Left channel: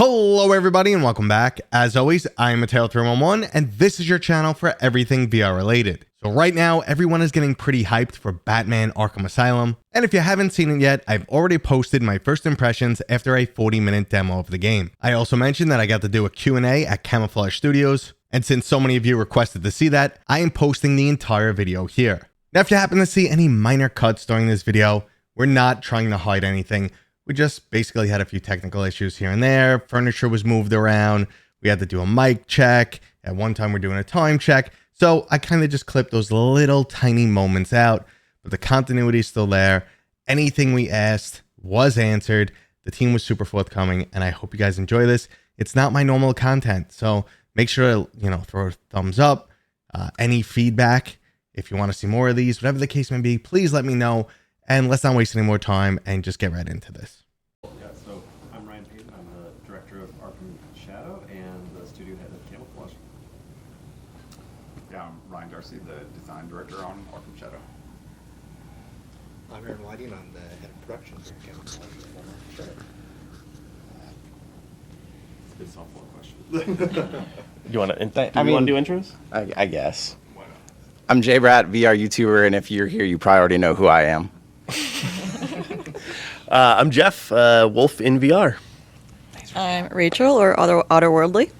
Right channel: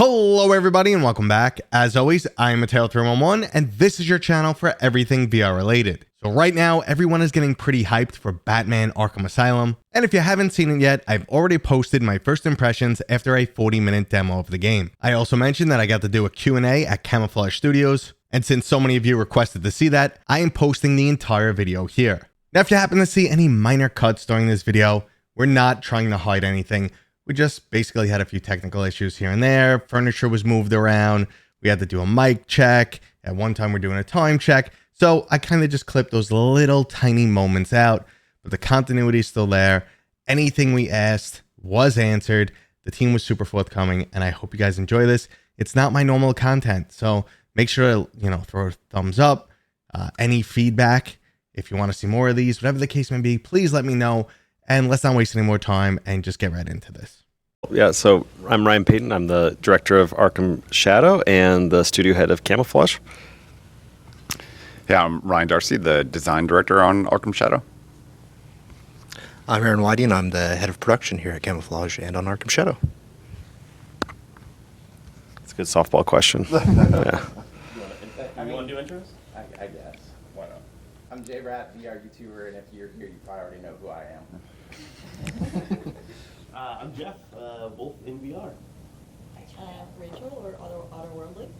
Hello everybody and welcome back. As always, I'm Mateo311 and this is your channel for everything VR related. So right now, everyone is getting pretty hyped for Batman Arkham Asylum. And if you haven't seen it yet, I've already posted my first impressions after a 40-minute demo of the game. I also mentioned that I got to do a Q&A at Camouflaj Studios. And since so many of you requested to see that, I am posting the entire video here. Now, if you happen to see any minor cuts during this video, we're not trying to hide anything. We just basically had a few technical issues here and there. Furniture was moved around. We had to do a mic check. At one time, we're doing a time check. So I kind of just clipped those little tiny moments out, but the continuity is still there. Anything we asked was answered. The team was super forthcoming, and I hope you guys enjoy this. It's not my normal content, so make sure to, throw a thumbs up. Any feedback, if you want to see more of these, whatever the case may be, please let me know. And let's not waste any more time and just get right into this. Yeah, so I'm Ryan Payton. I'm the director of Arkham Shadow and the studio head of Camouflaj. Yeah, I'm Ryan Darcy, the design director on Arkham Shadow. I'm Aaron Whitey, and I'm the head of production here at Camouflaj and on Arkham Shadow. It's a good softball question. Yeah. You want to do intros? I guess. Why not? I'm J-Brat, VR YouTuber, and if you're here, you probably already know who I am. I'm Jeff, Wolf in VR. I'm Rachel, or Otherworldly.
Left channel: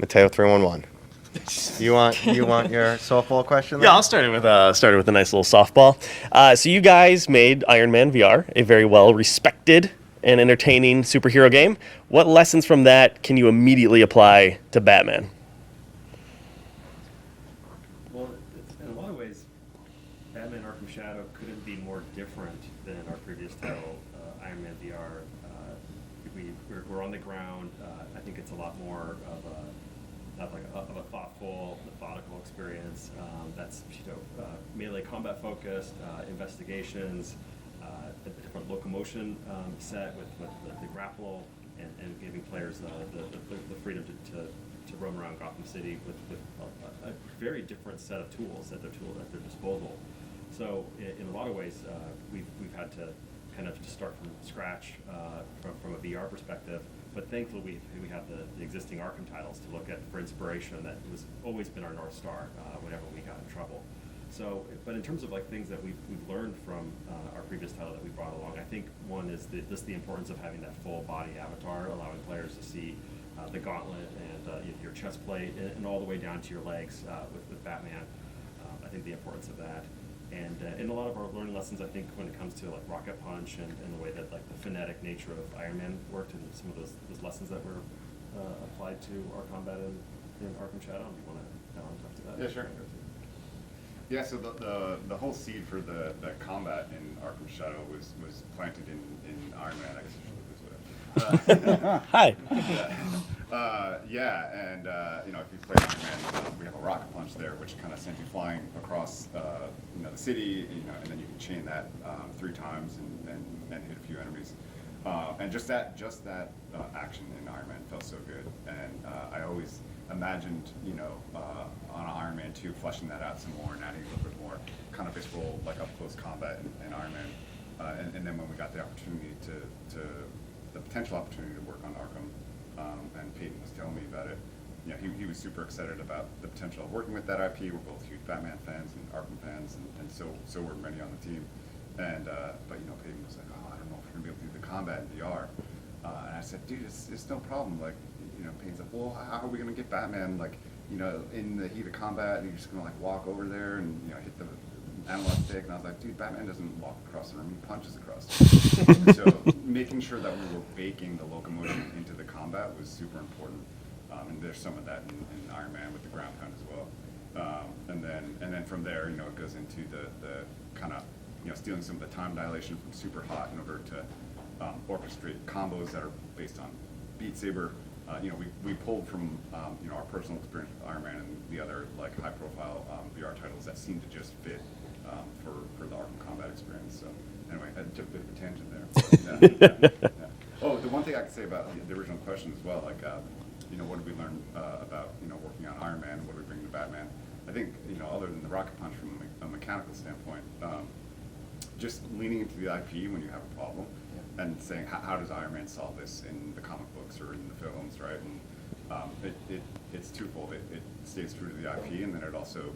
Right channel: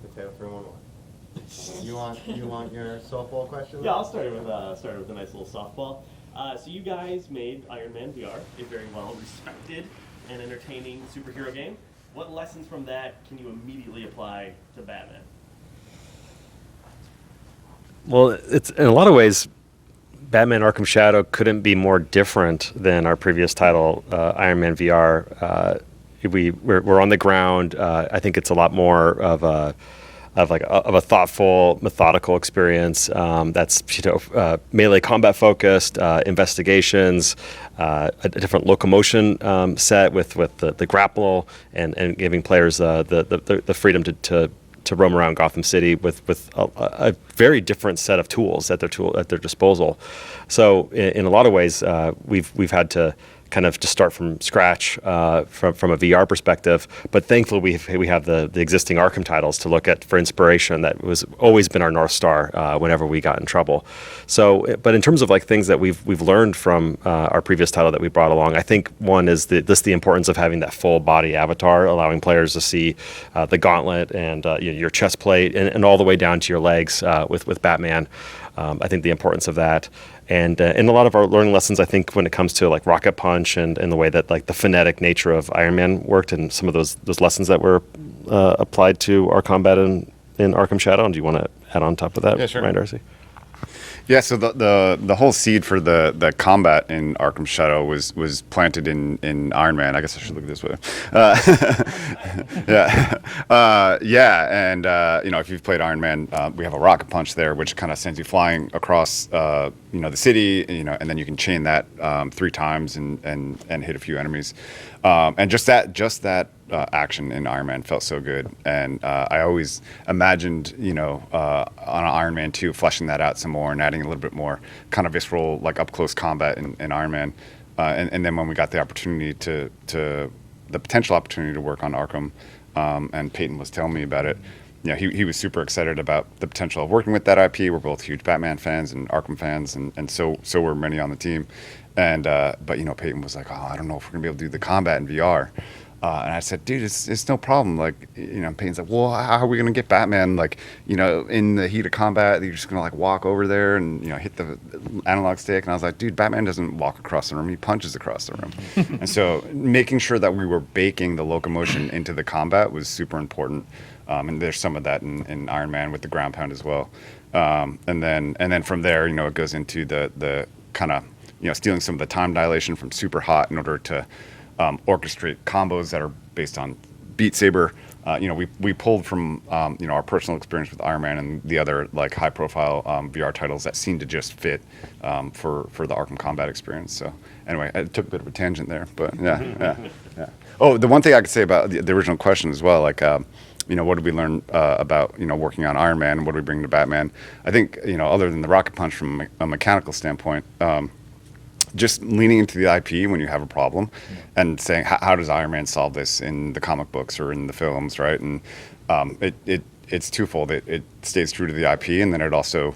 Mateo311. You want your softball question? Yeah, I'll start it with a nice little softball. So you guys made Iron Man VR, a very well respected and entertaining superhero game. What lessons from that can you immediately apply to Batman? Well, it's in a lot of ways, Batman Arkham Shadow couldn't be more different than our previous title, Iron Man VR. We're on the ground. I think it's a lot more of a thoughtful, methodical experience that's melee combat focused, investigations, a different locomotion set with the grapple and giving players the freedom to roam around Gotham City with a very different set of tools at their disposal. So in a lot of ways, we've had to kind of just start from scratch from a VR perspective. But thankfully, we have the existing Arkham titles to look at for inspiration. That was always been our North Star whenever we got in trouble. So, but in terms of like things that we've learned from our previous title that we brought along, I think one is the importance of having that full body avatar, allowing players to see the gauntlet and your chest plate and all the way down to your legs with Batman. I think the importance of that. And in a lot of our learning lessons, I think when it comes to like Rocket Punch and the way that like the phonetic nature of Iron Man worked and some of those lessons that were applied to our combat in Arkham Shadow. And do you want to add on top of that, Yeah, sure. Ryan Darcy? Yeah, so the whole seed for the combat in Arkham Shadow was planted in Iron Man. I guess I should look at this way. Hi. Yeah, and if you've played Iron Man, we have a rocket punch there, which kind of sends you flying across the city, and then you can chain that 3 times and hit a few enemies. And just that action in Iron Man felt so good, and I always imagined, on an Iron Man 2, fleshing that out some more and adding a little bit more kind of visceral, like up close combat in Iron Man, and then when we got the opportunity the potential opportunity to work on Arkham, and Peyton was telling me about it. He was super excited about the potential of working with that IP. We're both huge Batman fans and Arkham fans, and so were many on the team. And but Peyton was like, oh, I don't know if we're gonna be able to do the combat in VR. And I said, dude, it's no problem. Like, Peyton's like, well, how are we gonna get Batman in the heat of combat? You're just gonna walk over there and hit the analog stick. And I was like, dude, Batman doesn't walk across the room; he punches across the room. And so making sure that we were baking the locomotion into the combat was super important. And there's some of that in Iron Man with the ground pound as well. And then from there, it goes into the kind of stealing some of the time dilation from super hot in order to orchestrate combos that are based on Beat Saber. We pulled from our personal experience with Iron Man and the other high profile VR titles that seemed to just fit for the Arkham combat experience. So anyway, I took a bit of a tangent there, but yeah. Oh, the one thing I could say about the original question as well, what did we learn about working on Iron Man? What do we bring to Batman? I think other than the rocket punch from a mechanical standpoint, just leaning into the IP when you have a problem, and saying how does Iron Man solve this in the comic books or in the films, right? And it's twofold. It stays true to the IP, and then it also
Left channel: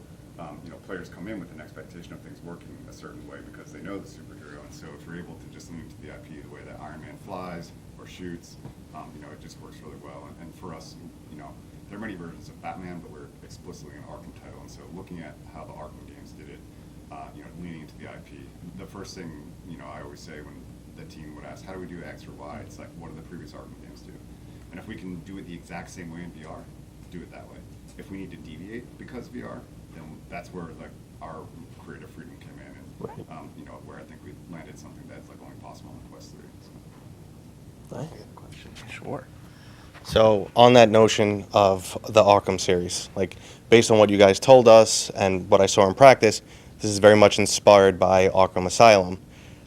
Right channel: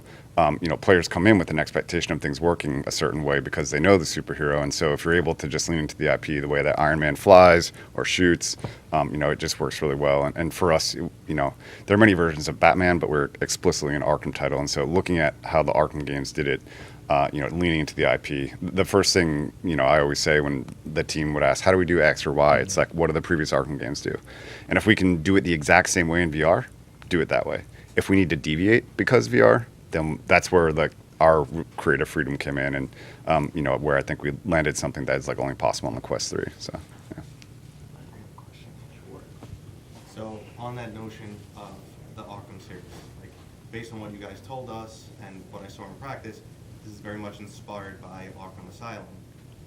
players come in with an expectation of things working a certain way because they know the superhero. And so if you're able to just lean into the IP, the way that Iron Man flies or shoots, it just works really well. And for us, there are many versions of Batman, but we're explicitly an Arkham title. And so looking at how the Arkham games did it, leaning into the IP, the first thing, I always say when the team would ask, how do we do X or Y? It's like, what do the previous Arkham games do? And if we can do it the exact same way in VR, do it that way. If we need to deviate because VR, then that's where our creative freedom came in, and where I think we landed something that is only possible on the Quest 3. So, yeah. Sure. So on that notion of the Arkham series, based on what you guys told us and what I saw in practice, this is very much inspired by Arkham Asylum.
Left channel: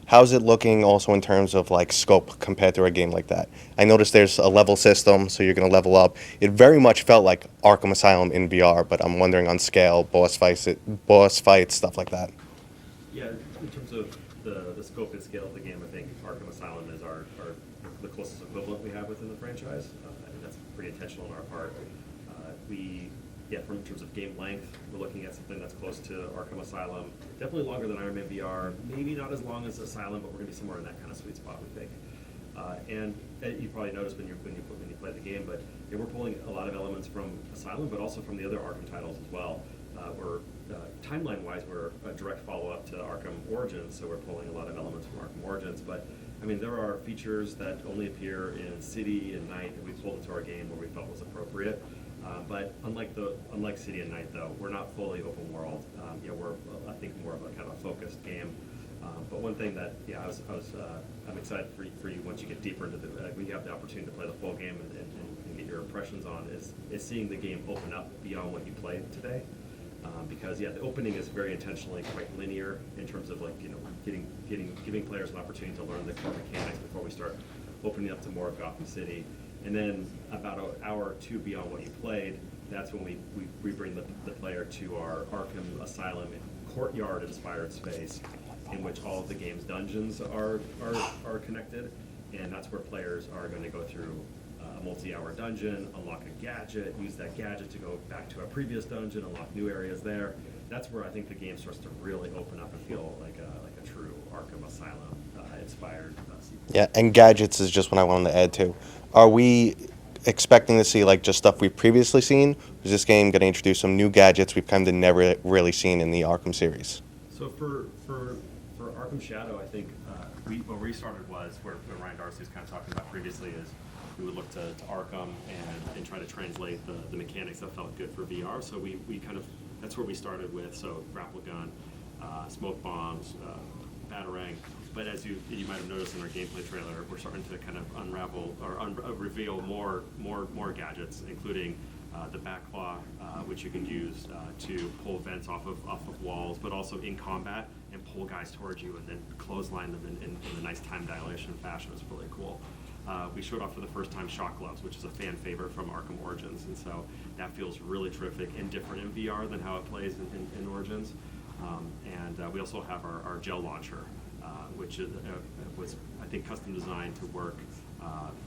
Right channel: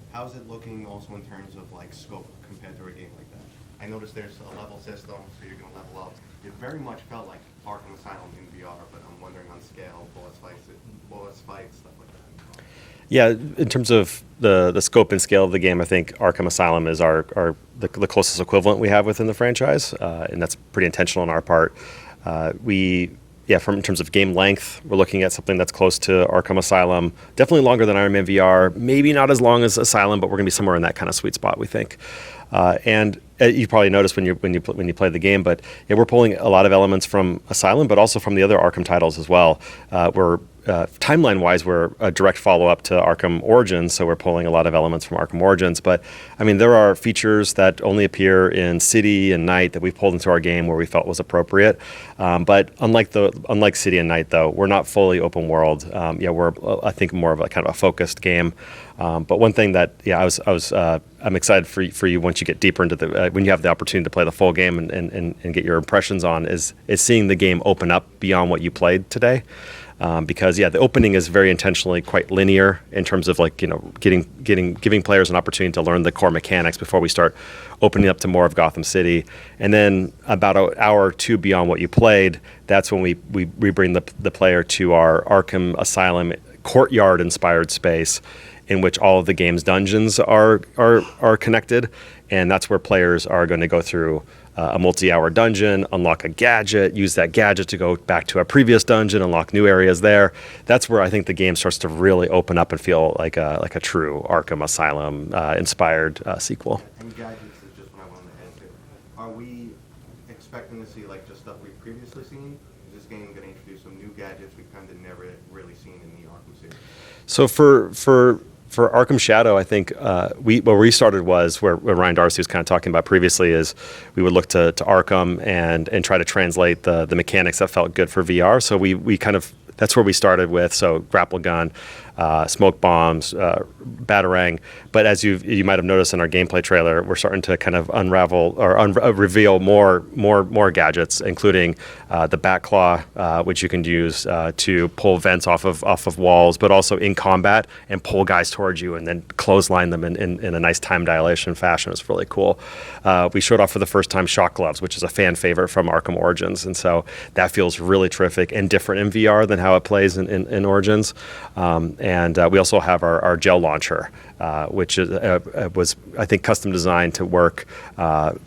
How's it looking also in terms of scope compared to a game like that? I noticed there's a level system, so you're going to level up. It very much felt like Arkham Asylum in VR, but I'm wondering on scale, boss fights, stuff like that. Yeah, in terms of the scope and scale of the game, I think Arkham Asylum is the closest equivalent we have within the franchise, and that's pretty intentional on our part. In terms of game length, we're looking at something that's close to Arkham Asylum. Definitely longer than Iron Man VR. Maybe not as long as Asylum, but we're going to be somewhere in that kind of sweet spot, we think. And you probably noticed when you play the game, but we're pulling a lot of elements from Asylum, but also from the other Arkham titles as well. Timeline-wise, we're a direct follow-up to Arkham Origins, so we're pulling a lot of elements from Arkham Origins. But there are features that only appear in City and Night that we've pulled into our game where we felt was appropriate. But unlike City and Night, though, we're not fully open world. We're I think more of a kind of a focused game. But one thing that I'm excited for you once you get deeper into when you have the opportunity to play the full game and get your impressions on is seeing the game open up beyond what you played today. Because the opening is very intentionally quite linear in terms of giving players an opportunity to learn the core mechanics before we start opening up to more of Gotham City. And then about an hour or two beyond what you played, that's when we bring the player to our Arkham Asylum courtyard-inspired space, in which all of the game's dungeons are connected, and that's where players are going to go through a multi-hour dungeon, unlock a gadget, use that gadget to go back to a previous dungeon, unlock new areas there. That's where I think the game starts to really open up and feel like a true Arkham Asylum inspired sequel. Yeah, and gadgets is just what I wanted to add to. Are we expecting to see just stuff we've previously seen? Or is this game going to introduce some new gadgets we've kind of never really seen in the Arkham series? So for Arkham Shadow, I think where we started was where Ryan Darcy was kind of talking about previously is we would look to Arkham and try to translate the mechanics that felt good for VR. So we kind of, that's where we started with. So grapple gun, smoke bombs, batarang. But as you might have noticed in our gameplay trailer, we're starting to kind of unravel or reveal more gadgets, including the bat claw, which you can use to pull vents off of walls, but also in combat and pull guys towards you and then clothesline them in a nice time dilation fashion. It's really cool. We showed off for the first time shock gloves, which is a fan favorite from Arkham Origins, and so that feels really terrific and different in VR than how it plays in Origins. And we also have our gel launcher, which was, I think, custom designed to work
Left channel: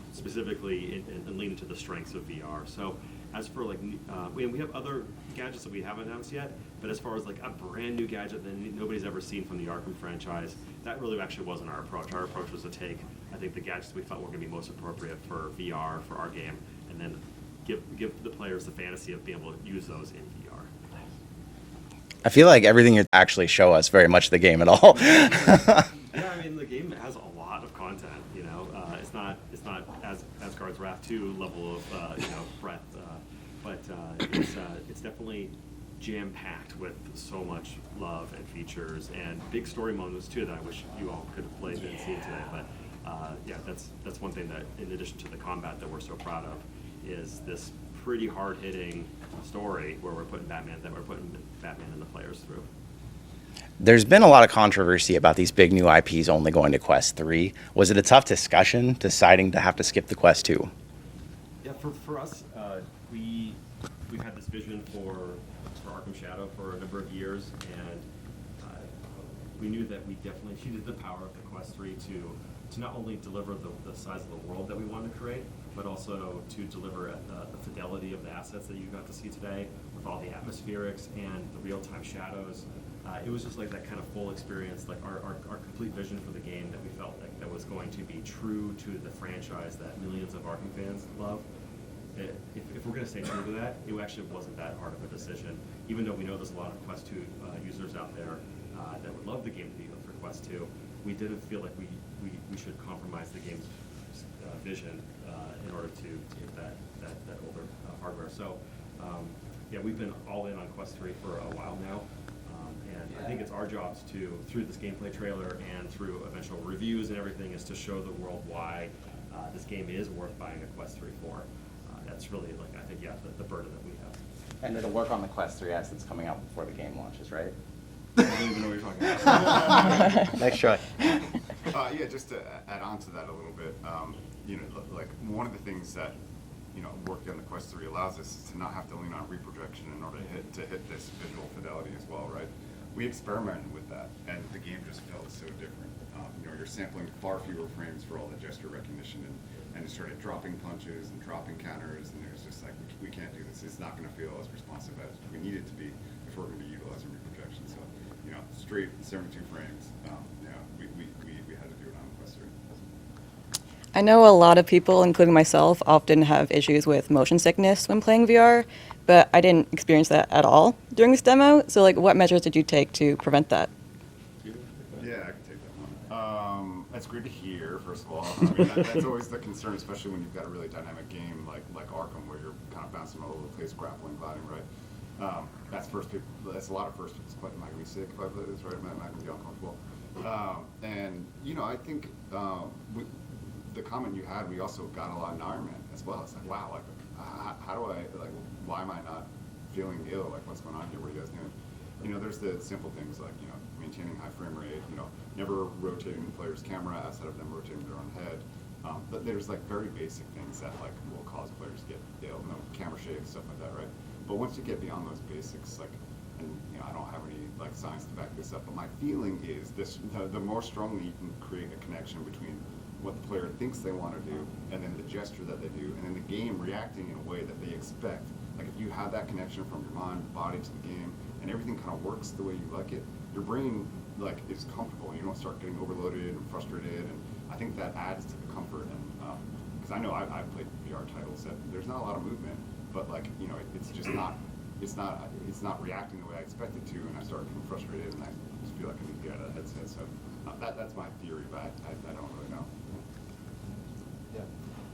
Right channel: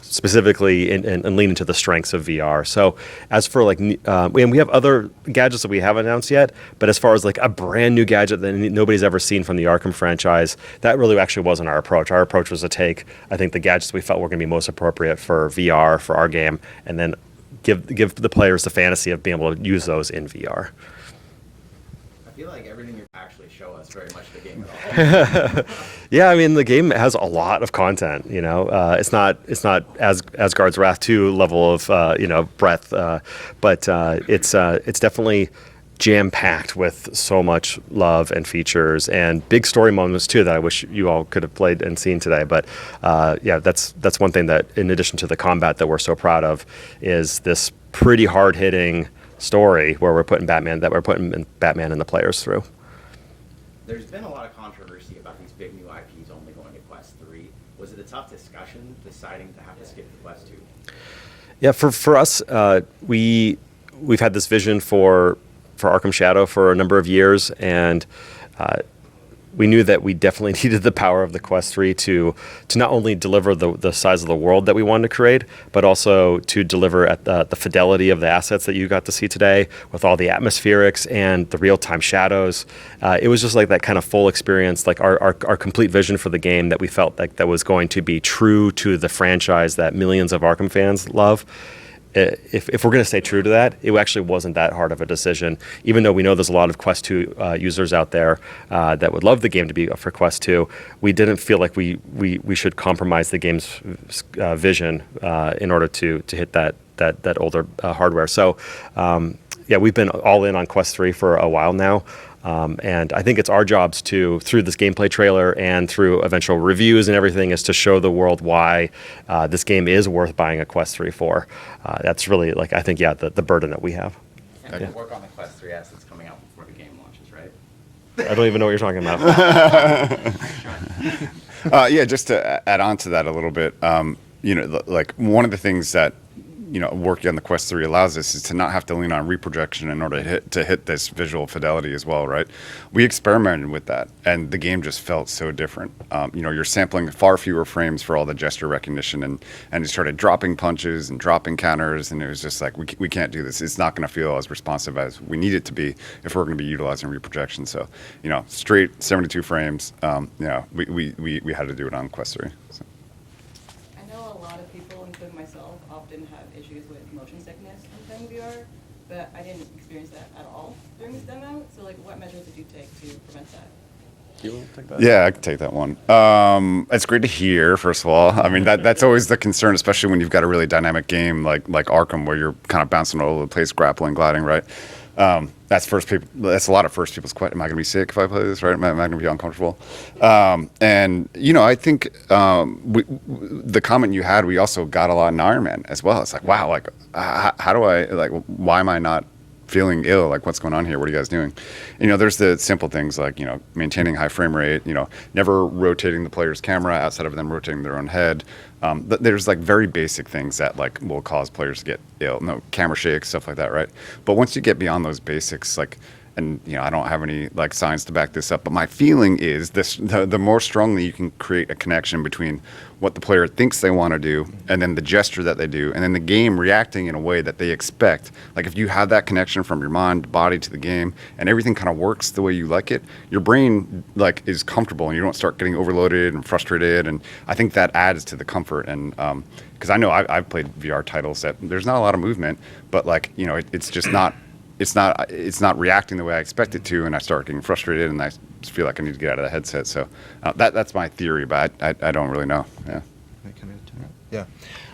specifically and lean into the strengths of VR. So as for and we have other gadgets that we haven't announced yet, but as far as a brand new gadget that nobody's ever seen from the Arkham franchise, that really actually wasn't our approach. Our approach was to take, I think, the gadgets we felt were going to be most appropriate for VR, for our game, and then give the players the fantasy of being able to use those in VR. I feel like everything you actually show us very much the game at all. Yeah, the game has a lot of content. It's not Asgard's Wrath 2 level of breadth, but it's definitely jam-packed with so much love and features and big story moments too that I wish you all could have played and seen today. But that's one thing that, in addition to the combat that we're so proud of, is this pretty hard-hitting story where we're putting Batman and the players through. There's been a lot of controversy about these big new IPs only going to Quest 3. Was it a tough discussion deciding to have to skip the Quest 2? Yeah, for us, we've had this vision for Arkham Shadow for a number of years, and we knew that we definitely needed the power of the Quest 3 to not only deliver the size of the world that we wanted to create, but also to deliver at the fidelity of the assets that you got to see today with all the atmospherics and the real-time shadows. It was just like that kind of full experience, like our complete vision for the game that we felt like that was going to be true to the franchise that millions of Arkham fans love. If we're going to stay true to that, it actually wasn't that hard of a decision, even though we know there's a lot of Quest 2 users out there that would love the game to be for Quest 2. We didn't feel like we should compromise the game's vision in order to hit that older hardware. So, yeah, we've been all in on Quest 3 for a while now. And I think it's our jobs to, through this gameplay trailer and through eventual reviews and everything, is to show the world why this game is worth buying a Quest 3 for. That's really, like, I think, yeah, the burden that we have. And to work on the Quest 3 assets coming out before the game launches, right? I don't even know what you're talking about. Nice try. Yeah, just to add on to that a little bit, like one of the things that working on the Quest 3 allows us is to not have to lean on reprojection in order to hit this visual fidelity as well, right? We experimented with that, and the game just felt so different. You're sampling far fewer frames for all the gesture recognition, and you started dropping punches and dropping counters, and it was just like, we can't do this. It's not going to feel as responsive as we need it to be if we're going to be utilizing reprojection. So, straight 72 frames, we had to do it on Quest 3. So. I know a lot of people, including myself, often have issues with motion sickness when playing VR, but I didn't experience that at all during this demo. So, like, what measures did you take to prevent that? Do you want to take that? Yeah, I can take that one. It's great to hear, first of all. I mean, that's always the concern, especially when you've got a really dynamic game like Arkham, where you're kind of bouncing all over the place, grappling, gliding, right? That's a lot of first people's question. Am I going to be sick if I play this, right? Am I going to be uncomfortable? And I think the comment you had, we also got a lot in Iron Man as well. It's like, wow, like how do I, like, why am I not feeling ill? Like, what's going on here? What are you guys doing? There's the simple things like, maintaining high frame rate, never rotating the player's camera outside of them rotating their own head. There's like very basic things that like will cause players to get ill, camera shake, stuff like that, right? But once you get beyond those basics, like, and I don't have any like science to back this up, but my feeling is the more strongly you can create a connection between what the player thinks they want to do and then the gesture that they do and then the game reacting in a way that they expect. Like, if you have that connection from your mind, body to the game, and everything kind of works the way you like it, your brain like is comfortable and you don't start getting overloaded and frustrated. And I think that adds to the comfort. And because I know I've played VR titles that there's not a lot of movement, but like, it's just not. It's not reacting the way I expect it to, and I start getting frustrated, and I just feel like I need to get out of the headset. So that's my theory, but I don't really know. Yeah. Yeah,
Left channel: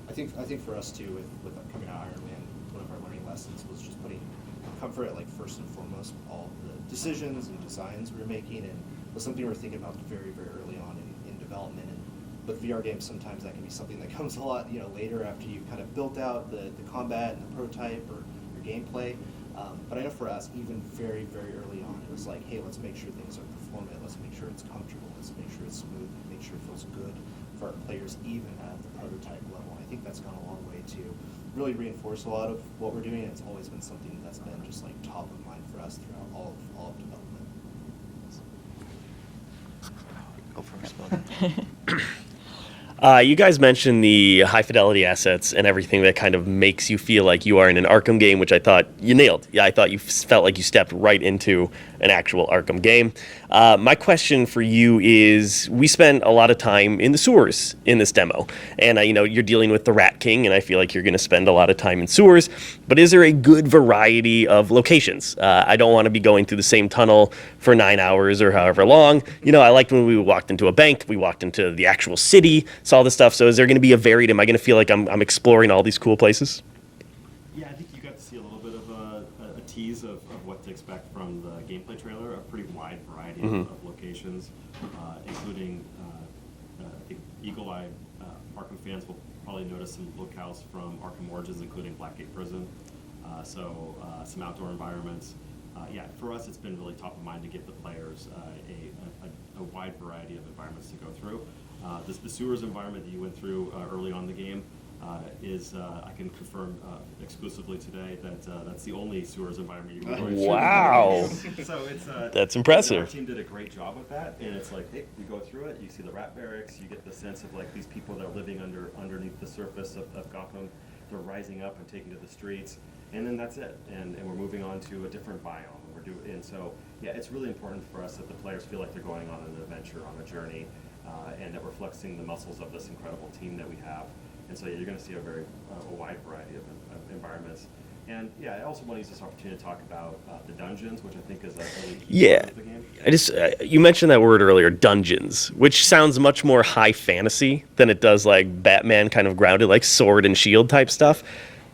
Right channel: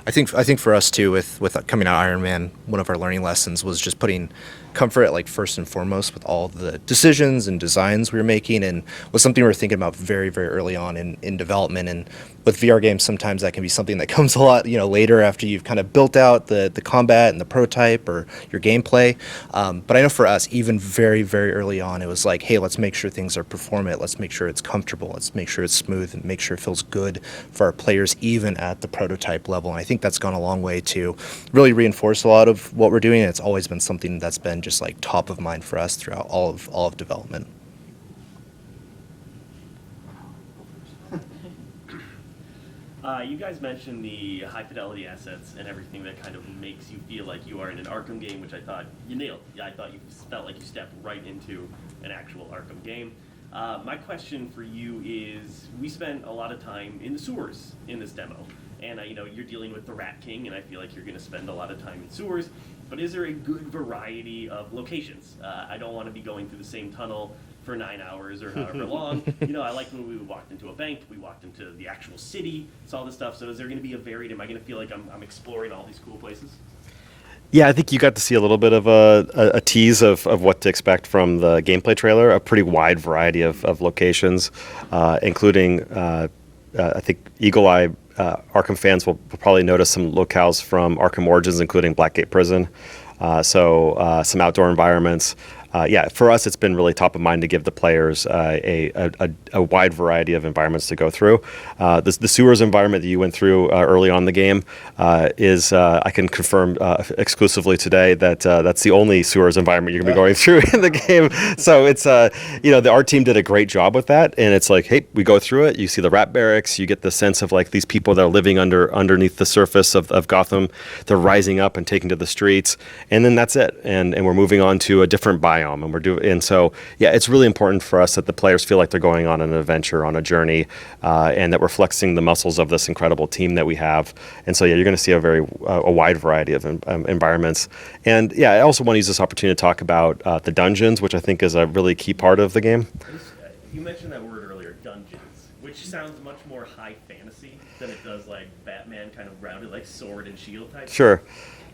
I think for us too, with coming out Iron Man, one of our learning lessons was just putting comfort at like first and foremost with all the decisions and designs we were making, and was something we were thinking about very, very early on in development. And with VR games, sometimes that can be something that comes a lot later after you've kind of built out the combat and the prototype or your gameplay. But I know for us, even very, very early on, it was like, hey, let's make sure things are performant, let's make sure it's comfortable, let's make sure it's smooth, and make sure it feels good for our players even at the prototype level. And I think that's gone a long way to really reinforce a lot of what we're doing, and it's always been something that's been just like top of mind for us throughout all of development. You guys mentioned the high fidelity assets and everything that kind of makes you feel like you are in an Arkham game, which I thought you nailed. Yeah, I thought you felt like you stepped right into an actual Arkham game. My question for you is, we spent a lot of time in the sewers in this demo, and you're dealing with the Rat King, and I feel like you're going to spend a lot of time in sewers, but is there a good variety of locations? I don't want to be going through the same tunnel for 9 hours or however long. I liked when we walked into a bank, we walked into the actual city, saw this stuff. So is there going to be a varied, am I going to feel like I'm exploring all these cool places? Yeah, I think you got to see a little bit of a tease of what to expect from the gameplay trailer, a pretty wide variety of locations, including, I think, Eagle Eye Arkham fans will probably notice some locales from Arkham Origins, including Blackgate Prison, so some outdoor environments. yeah, for us, it's been really top of mind to give the players a wide variety of environments to go through. The sewers environment that you went through early on in the game is, I can confirm exclusively today that that's the only sewers environment you're going to be going through in the game. So it's, you know, our team did a great job with that. And it's like, hey, we go through it. You see the rat barracks. You get the sense of like these people that are living underneath the surface of Gotham. They're rising up and taking to the streets. And then that's it. And we're moving on to a different biome. And so, yeah, it's really important for us that the players feel like they're going on an adventure, on a journey, and that we're flexing the muscles of this incredible team that we have. And so, yeah, you're going to see a wide variety of environments. And yeah, I also want to use this opportunity to talk about the dungeons, which I think is a really key part of the game. You mentioned that word earlier, dungeons, which sounds much more high fantasy than it does like Batman kind of grounded, like sword and shield type stuff.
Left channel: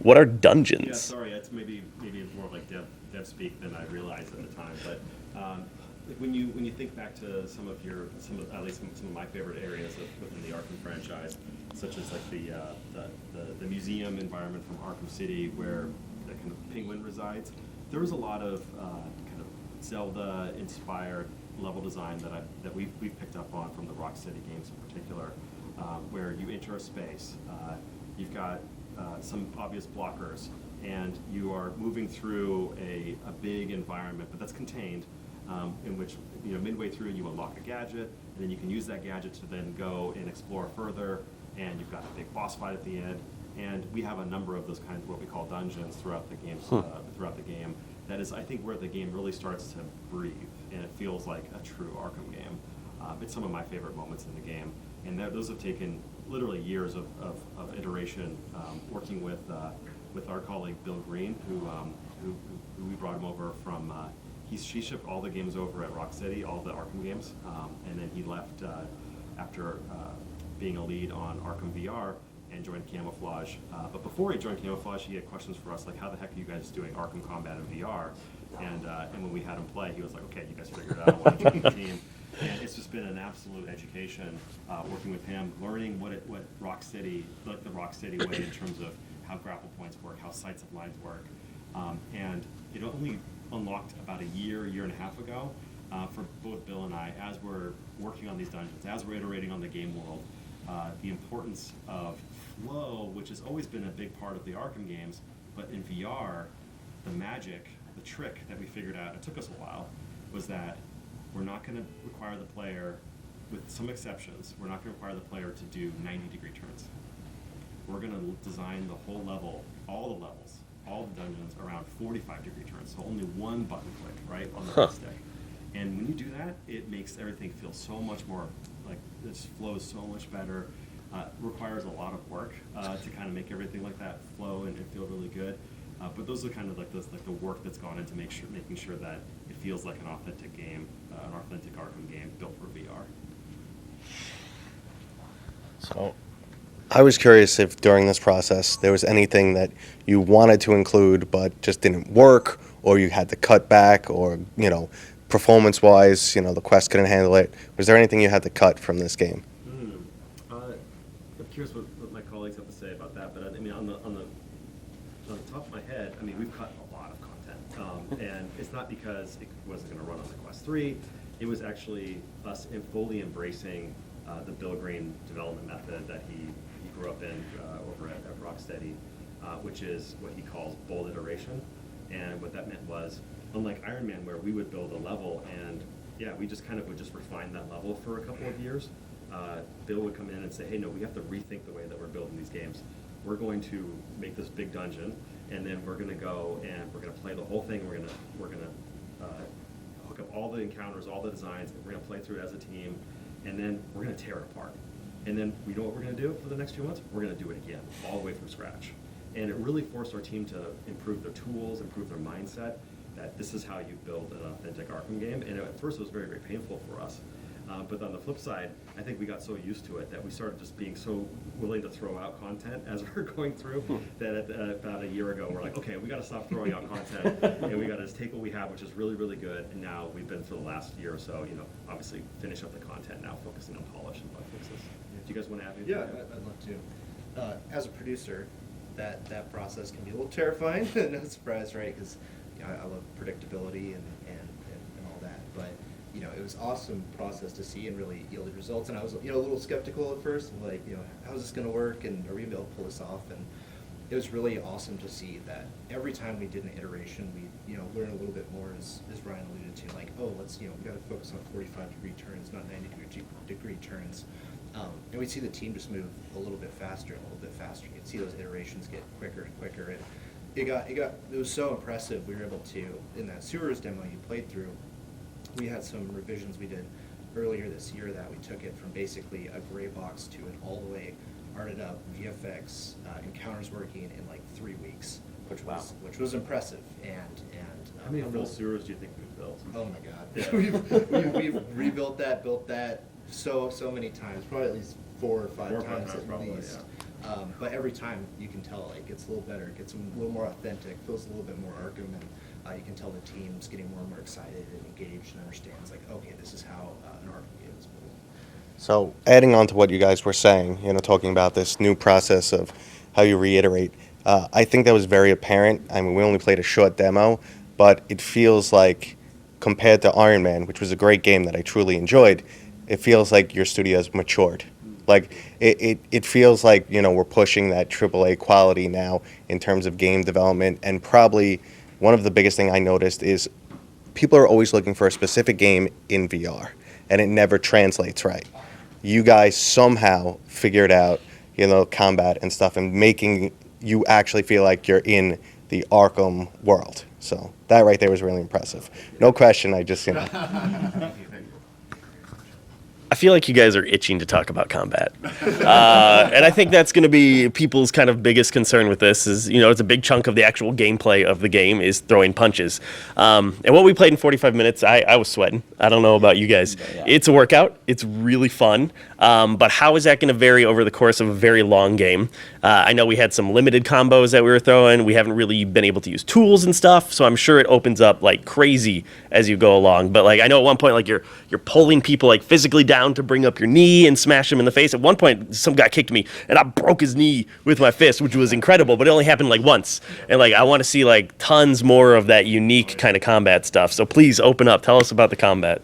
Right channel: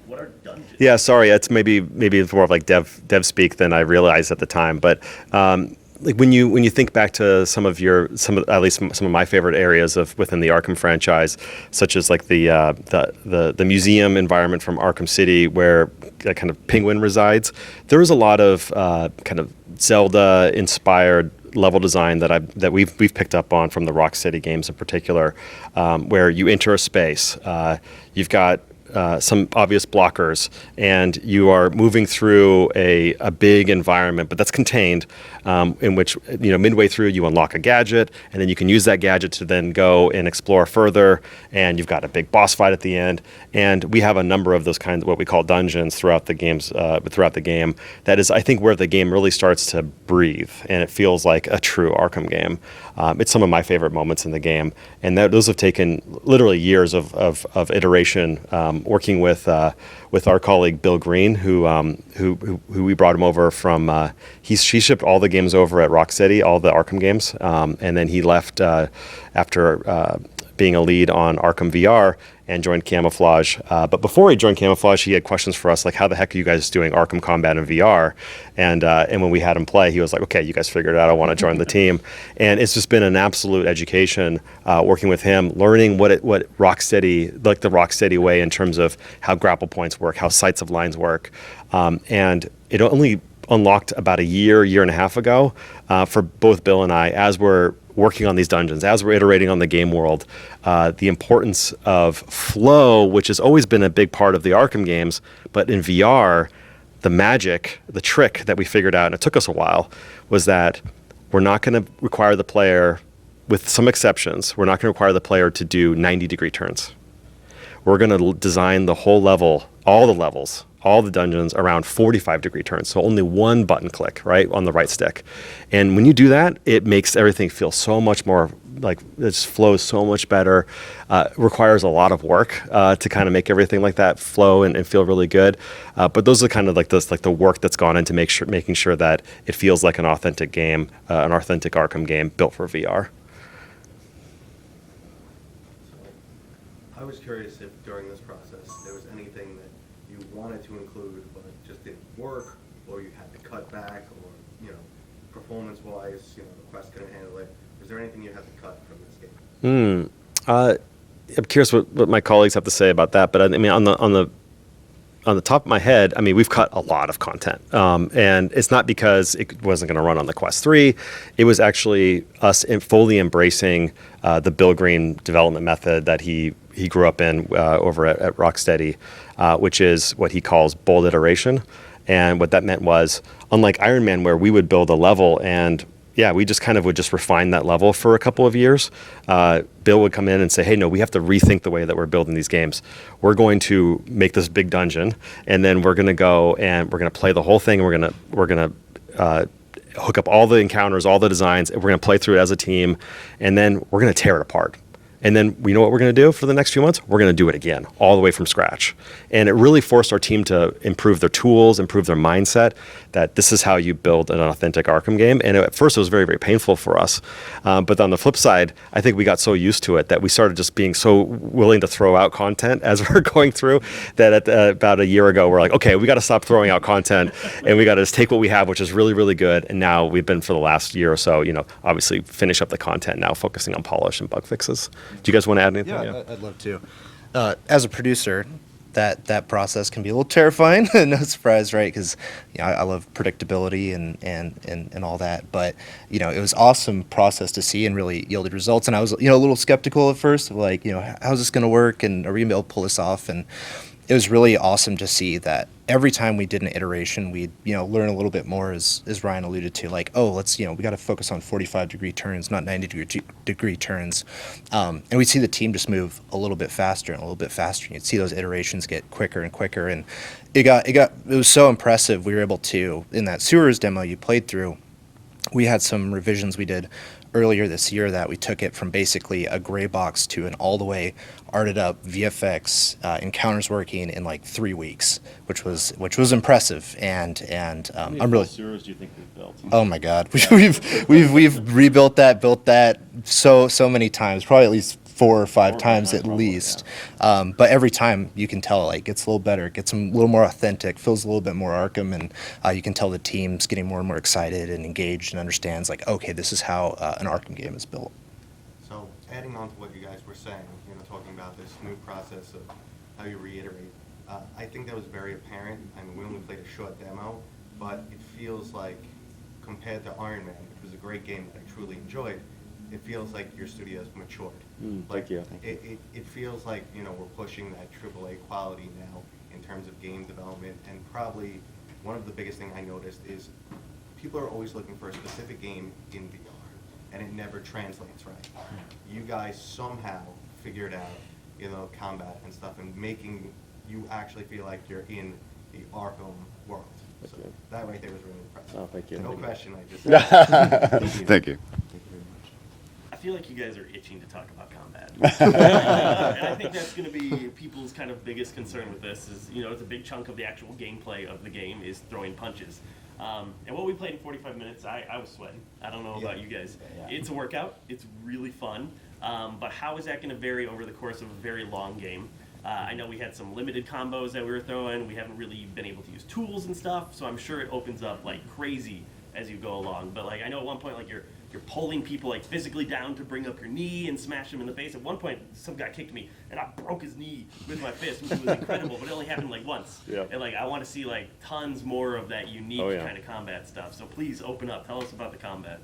What are dungeons? Yeah, sorry, it's maybe it's more of like dev speak than I realized at the time. But like when you think back to some of my favorite areas within the Arkham franchise, such as like the museum environment from Arkham City, where kind of Penguin resides, there was a lot of kind of Zelda inspired level design that we've picked up on from the Rocksteady games in particular, where you enter a space, you've got some obvious blockers, and you are moving through a big environment, but that's contained, in which, you know, midway through you unlock a gadget, and then you can use that gadget to then go and explore further, and you've got a big boss fight at the end. And we have a number of those kinds of what we call dungeons throughout the games, throughout the game. That is, I think, where the game really starts to breathe, and it feels like a true Arkham game. It's some of my favorite moments in the game, and those have taken literally years of iteration, working with our colleague Bill Green, who we brought him over from. He shipped all the games over at Rocksteady, all the Arkham games, and then he left after being a lead on Arkham VR and joined Camouflaj. But before he joined Camouflaj, he had questions for us like, how the heck are you guys doing Arkham Combat in VR? And when we had him play, he was like, okay, you guys figured it out. I want to join the team. And it's just been an absolute education working with him, learning what Rocksteady, like the Rocksteady way in terms of how grapple points work, how sights of lines work. And it only unlocked about a year and a half ago for both Bill and I, as we're working on these dungeons, as we're iterating on the game world, the importance of flow, which has always been a big part of the Arkham games, but in VR, the magic, the trick that we figured out, and it took us a while, was that we're not going to require the player, with some exceptions, we're not going to require the player to do 90-degree turns. We're going to design the whole level, all the levels, all the dungeons around 45-degree turns, so only one button click, right, on the right stick. And when you do that, it makes everything feel so much more, like, it just flows so much better. Requires a lot of work to kind of make everything like that flow and feel really good. But those are kind of like the work that's gone into making sure that it feels like an authentic game, an authentic Arkham game built for VR. So I was curious if during this process there was anything that you wanted to include but just didn't work, or you had to cut back, or, you know, performance-wise, you know, the Quest couldn't handle it. Was there anything you had to cut from this game? I'm curious what my colleagues have to say about that. But I mean, on the top of my head, I mean, we've cut a lot of content, and it's not because it wasn't going to run on the Quest 3. It was actually us fully embracing the Bill Green development method that he grew up in over at Rocksteady, which is what he calls bold iteration. And what that meant was, unlike Iron Man, where we would build a level and we just kind of would just refine that level for a couple of years. Bill would come in and say, hey, no, we have to rethink the way that we're building these games. We're going to make this big dungeon, and then we're going to go and we're going to play the whole thing. And we're going to hook up all the encounters, all the designs, and we're going to play through it as a team, and then we're going to tear it apart. And then we know what we're going to do for the next few months? We're going to do it again, all the way from scratch. And it really forced our team to improve their tools, improve their mindset, that this is how you build an authentic Arkham game. And at first it was very, very painful for us. But on the flip side, I think we got so used to it that we started just being so willing to throw out content as we're going through that about a year ago, we're like, okay, we got to stop throwing out content and we got to just take what we have, which is really, really good. And now we've been for the last year or so, you know, obviously finish up the content, now focusing on polish and bug fixes. Do you guys want to add anything? Yeah, I'd love to. As a producer, that process can be a little terrifying. No surprise, right? Because I love predictability and all that. But it was awesome process to see and really yielded results. And I was a little skeptical at first, of like how's this going to work and are we going to be able to pull this off? And it was really awesome to see that every time we did an iteration, we'd learn a little bit more, as Ryan alluded to, like, oh, let's we got to focus on 45-degree turns, not 90-degree turns, and we'd see the team just move a little bit faster and a little bit faster, and you'd see those iterations get quicker and quicker, and it was so impressive. We were able to, in that sewers demo you played through, we had some revisions we did earlier this year that we took it from basically a gray box to an all the way arted up VFX encounters working in like 3 weeks, which was impressive. And I'm really. Sewers do you think we've built? Oh my God, we've rebuilt that, built that so many times, probably at least 4 or 5 times at least. Yeah. But every time you can tell it gets a little better, it gets a little more authentic, feels a little bit more Arkham, and you can tell the team's getting more and more excited and engaged and understands like, okay, this is how an Arkham game is built. So adding on to what you guys were saying, talking about this new process of how you reiterate, I think that was very apparent. I mean, we only played a short demo, but it feels like compared to Iron Man, which was a great game that I truly enjoyed, it feels like your studio's matured. It feels like, we're pushing that AAA quality now in terms of game development. And probably one of the biggest thing I noticed is people are always looking for a specific game in VR, and it never translates right. You guys somehow figured out, combat and stuff, and making you actually feel like you're in the Arkham world. So that right there was really impressive. No question, I just... Thank you. I feel like you guys are itching to talk about combat. And I think that's going to be people's kind of biggest concern with this is, it's a big chunk of the actual gameplay of the game is throwing punches. And what we played in 45 minutes, I was sweating. I don't know about you guys. It's a workout. It's really fun. But how is that going to vary over the course of a very long game? I know we had some limited combos that we were throwing. We haven't really been able to use tools and stuff, so I'm sure it opens up like crazy as you go along. But like I know at one point like you're pulling people like physically down to bring up your knee and smash them in the face. At one point, some guy kicked me and I broke his knee with my fist, which was incredible. But it only happened like once. Yeah. And like I want to see like tons more of that unique kind of combat stuff. So please open up. Tell us about the combat.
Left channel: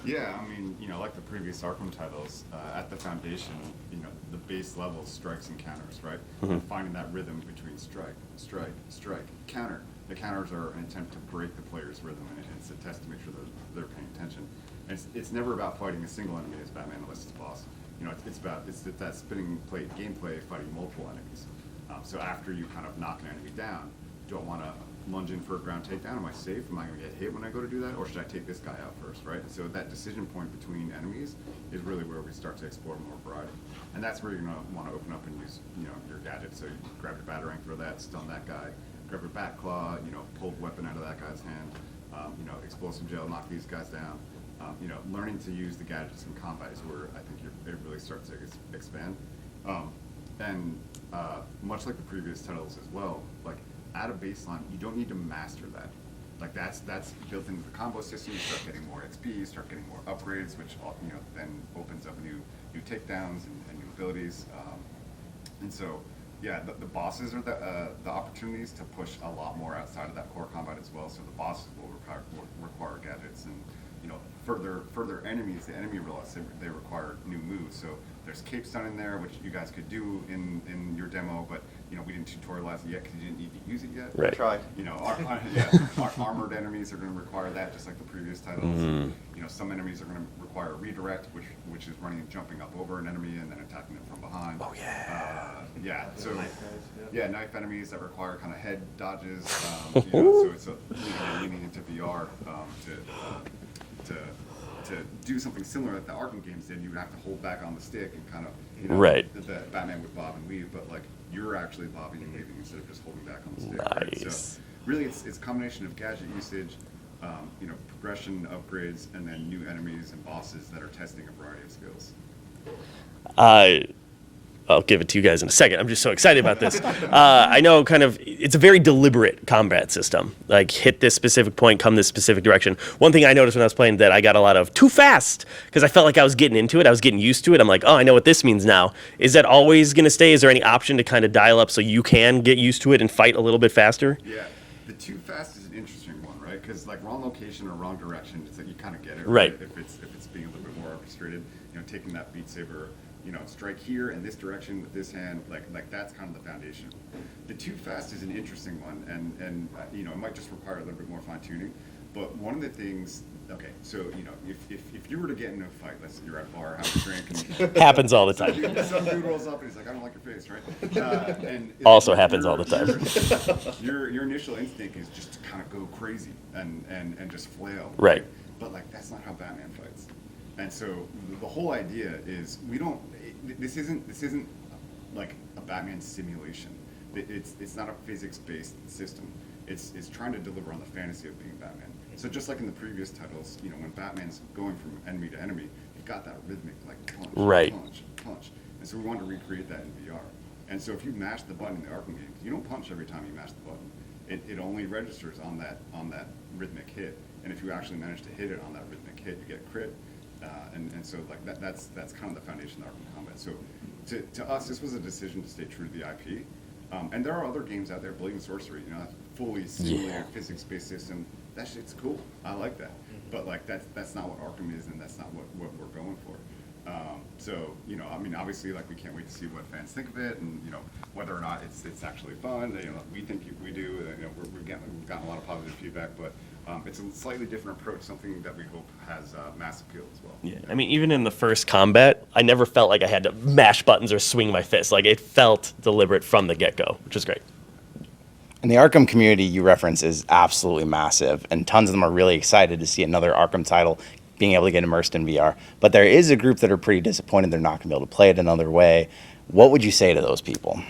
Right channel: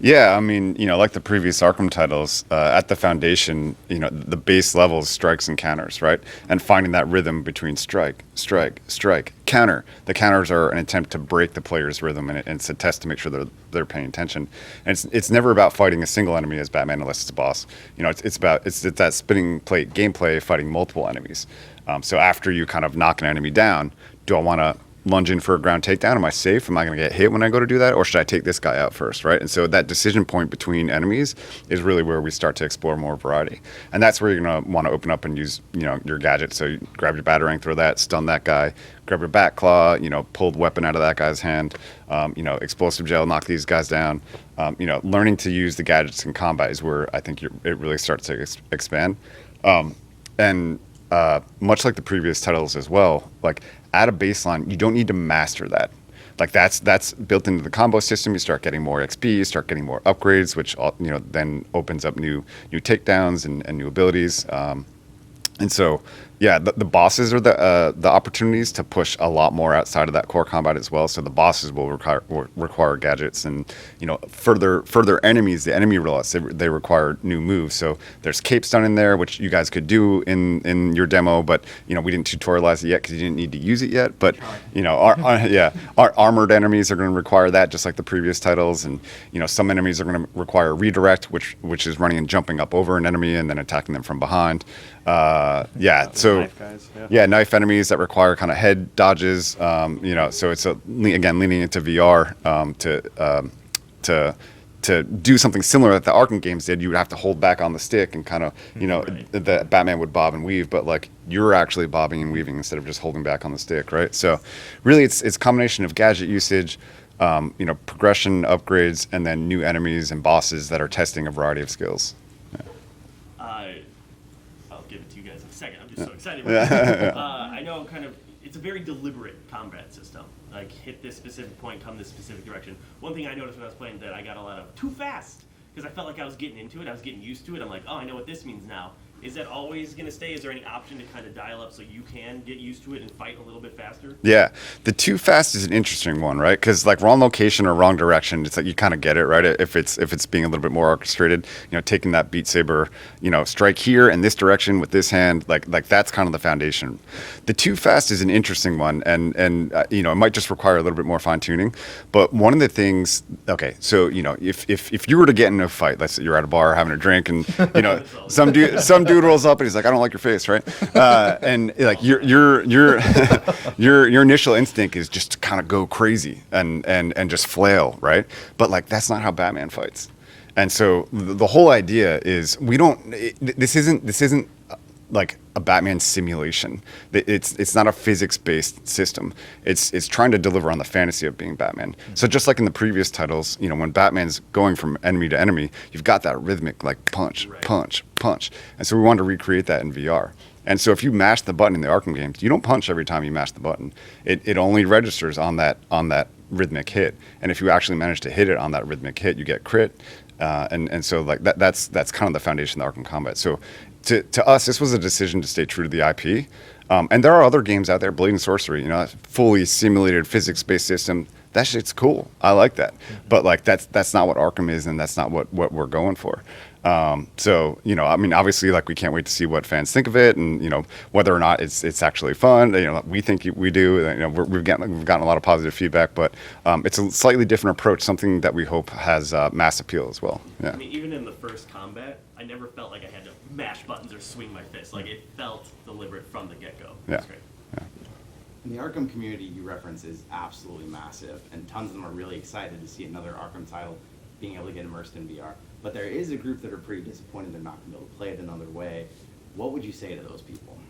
Yeah, I mean, like the previous Arkham titles, at the foundation, the base level is strikes and counters, right? Mm-hmm. And finding that rhythm between strike, strike, strike, counter. The counters are an attempt to break the player's rhythm, and it's a test to make sure they're paying attention. And it's never about fighting a single enemy as Batman, unless it's a boss. It's that spinning plate gameplay, fighting multiple enemies. So after you kind of knock an enemy down, do I want to lunge in for a ground takedown? Am I safe? Am I going to get hit when I go to do that? Or should I take this guy out first, right? And so that decision point between enemies is really where we start to explore more variety. And that's where you're going to want to open up and use, your gadget. So you grab your batarang, throw that, stun that guy, grab your bat claw, pull the weapon out of that guy's hand, explosive gel, knock these guys down. Learning to use the gadgets in combat is where I think it really starts to expand. And much like the previous titles as well, like, at a baseline, you don't need to master that. Like that's built into the combo system. You start getting more XP, you start getting more upgrades, which then opens up new takedowns and new abilities. And so, yeah, the bosses are the opportunities to push a lot more outside of that core combat as well. So the bosses will require gadgets, and further enemies, the enemy roulets, they require new moves. So there's cape stun in there, which you guys could do in your demo, but we didn't tutorialize it yet because you didn't need to use it yet. But our armored enemies are going to require that, just like the previous titles. Mm-hmm. And some enemies are going to require redirect, which is running and jumping up over an enemy and then attacking them from behind. So knife enemies that require kind of head dodges. So it's again leaning into VR to do something similar that the Arkham games did. You would have to hold back on the stick and kind of the Batman would bob and weave, but like you're actually bobbing and weaving instead of just holding back on the stick, nice. Right? So really, it's a combination of gadget usage, progression, upgrades, and then new enemies and bosses that are testing a variety of skills. I'll give it to you guys in a second. I'm just so excited about this. I know kind of it's a very deliberate combat system. Like, hit this specific point, come this specific direction. One thing I noticed when I was playing that I got a lot of too fast, because I felt like I was getting into it. I was getting used to it. I'm like, oh, I know what this means now. Is that always going to stay? Is there any option to kind of dial up so you can get used to it and fight a little bit faster? Yeah, the too fast is an interesting one, right? Because like wrong location or wrong direction, it's like you kind of get it, right? If it's being a little bit more orchestrated, taking that Beat Saber, strike here in this direction with this hand, like that's kind of the foundation. The too fast is an interesting one, and it might just require a little bit more fine tuning. But one of the things, okay, so if you were to get in a fight, let's say you're at a bar having a drink, and happens all the time. Some dude rolls up and he's like, I don't like your face, right? And like, Also your initial instinct is just to kind of go crazy and just flail, right? But like that's not how Batman fights. And so the whole idea is this isn't like a Batman simulation. It's not a physics-based system. It's trying to deliver on the fantasy of being Batman. So just like in the previous titles, when Batman's going from enemy to enemy, you've got that rhythmic like punch, punch, punch. And so we wanted to recreate that in VR. And so if you mash the button in the Arkham games, you don't punch every time you mash the button. It only registers on that rhythmic hit. And if you actually manage to hit it on that rhythmic hit, you get crit. And so like that's kind of the foundation of the Arkham combat. So to us, this was a decision to stay true to the IP. And there are other games out there, Blade and Sorcery, fully simulated physics-based system. That shit's cool. I like that. But like that's not what Arkham is, and that's not what we're going for. So obviously, like we can't wait to see what fans think of it, and whether or not it's actually fun. We think we do. We've gotten a lot of positive feedback, but it's a slightly different approach, something that we hope has mass appeal as well. Yeah. I mean, even in the first combat, I never felt like I had to mash buttons or swing my fist. Like, it felt deliberate from the get-go, which is great. And the Arkham community you reference is absolutely massive, and tons of them are really excited to see another Arkham title being able to get immersed in VR. But there is a group that are pretty disappointed they're not going to be able to play it another way. What would you say to those people?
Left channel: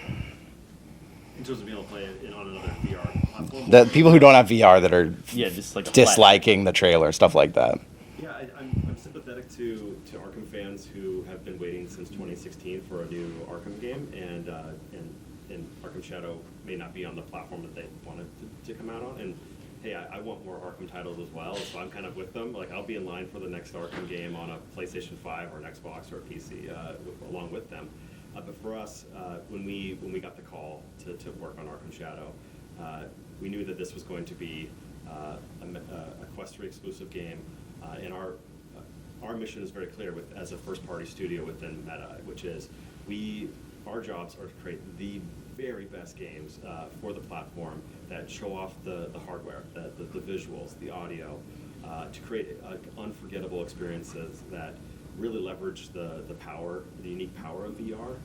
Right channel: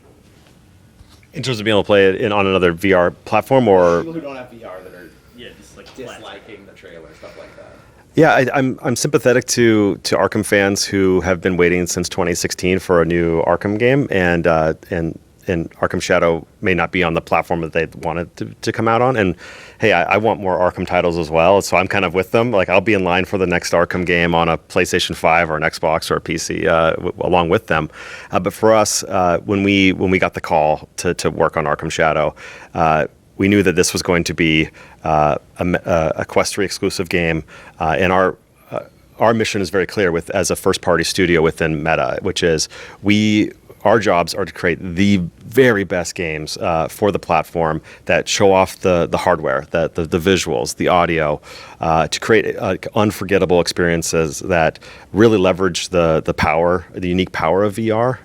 In terms of being able to play it on another VR platform, The or people who don't have VR that are just like disliking the trailer, stuff like that. Yeah, I'm sympathetic to Arkham fans who have been waiting since 2016 for a new Arkham game, and Arkham Shadow may not be on the platform that they wanted to come out on. And hey, I want more Arkham titles as well, so I'm kind of with them. Like, I'll be in line for the next Arkham game on a PlayStation 5 or an Xbox or a PC along with them. But for us, when we got the call to work on Arkham Shadow, we knew that this was going to be a Quest 3 exclusive game, and our mission is very clear as a first-party studio within Meta, which is our jobs are to create the very best games for the platform that show off the hardware, the visuals, the audio, to create unforgettable experiences that really leverage the unique power of VR,